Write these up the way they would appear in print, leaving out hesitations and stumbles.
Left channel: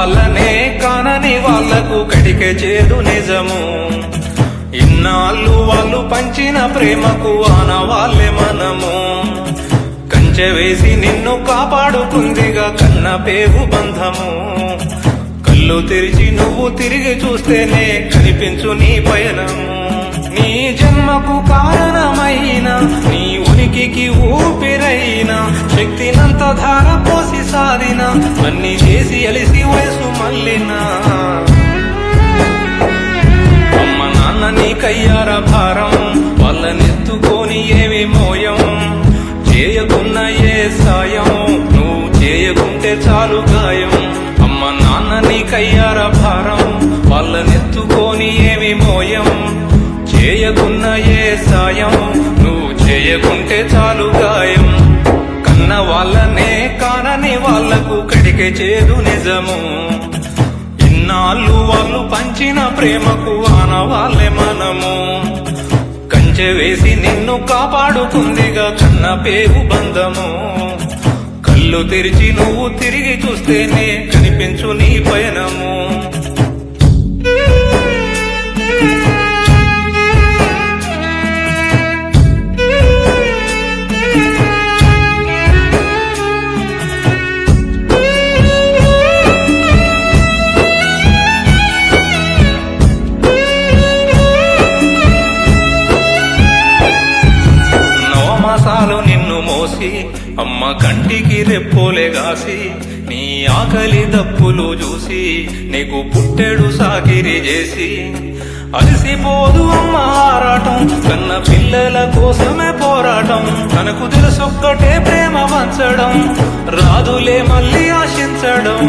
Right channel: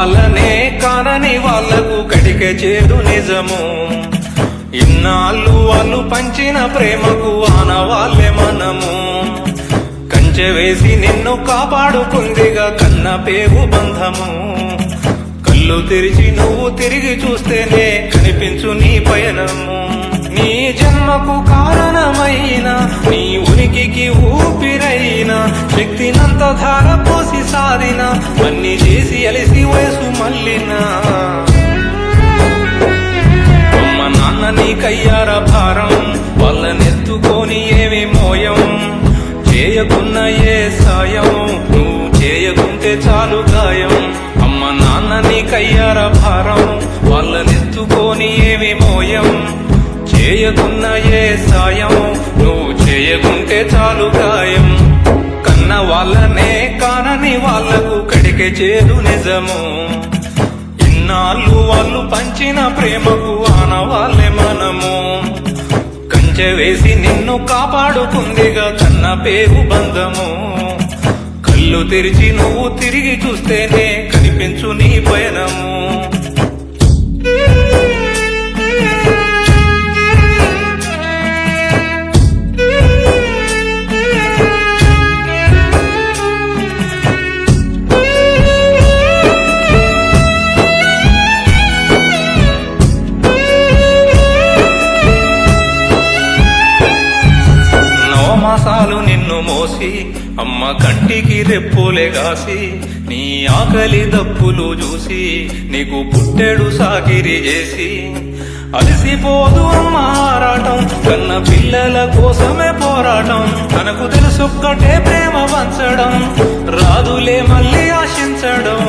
వాళ్ళనే కానని వాళ్లకు కటికే చేదు నిజము. ఇన్నాళ్ళు వాళ్ళు పంచిన ప్రేమకు ఆనవాళ్ళే మనము. కంచె వేసి నిన్ను కాపాడుకుందిగా కన్న పేగు బంధము. కళ్ళు తెరిచి నువ్వు తిరిగి చూస్తేనే కనిపించు నీ పయనము. నీ జన్మకు కారణమైన నీ ఉనికికి ఊపిరైన శక్తినంత ధార పోసి సాధిన అన్ని చేసి అలిసి వయసు మళ్ళినా అమ్మ నాన్న నీకయ్యార భారం. వాళ్ళనెత్తుకొని ఏమి మోయం చేయకున్న ఏ సాయం నువ్వు చేయకుంటే చాలు గాయం. అమ్మ నాన్న నీకయ్యార భారం. వాళ్ళనెత్తుకొని ఏమి మోయం చేయకున్న ఏ సాయం నువ్వు చేయకుంటే చాలు గాయం. కన్న వాళ్ళనే కానని వాళ్లకు కడికే చేదు నిజము. ఇన్నాళ్ళు వాళ్ళు పంచిన ప్రేమకు ఆనవాళ్ళే మనము. కంచె వేసి నిన్ను కాపాడుకుందిగా కన్న పేగు బంధము. కళ్ళు తెరిచి నువ్వు తిరిగి చూస్తేనే కనిపించు నీ పయనము. మాసాలు నిన్ను మోసి అమ్మ కంటికి రెప్పోలే గాసి నీ ఆకలి దప్పులు చూసి నీకు పుట్టెడు సాకిరి చేసి అలసిపోదు అమ్మ ఆరాటం. కన్న పిల్లల కోసమే పోరాటం. తనకు తెలుసొక్కటే ప్రేమ పంచడం రాదులే మళ్ళీ ఆశించడం.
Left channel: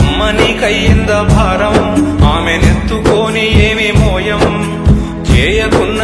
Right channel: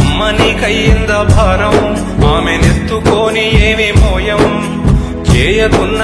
అమ్మ నీకయ్యింద భారం ఆమెనెత్తుకొని ఏమి మోయం చేయకున్న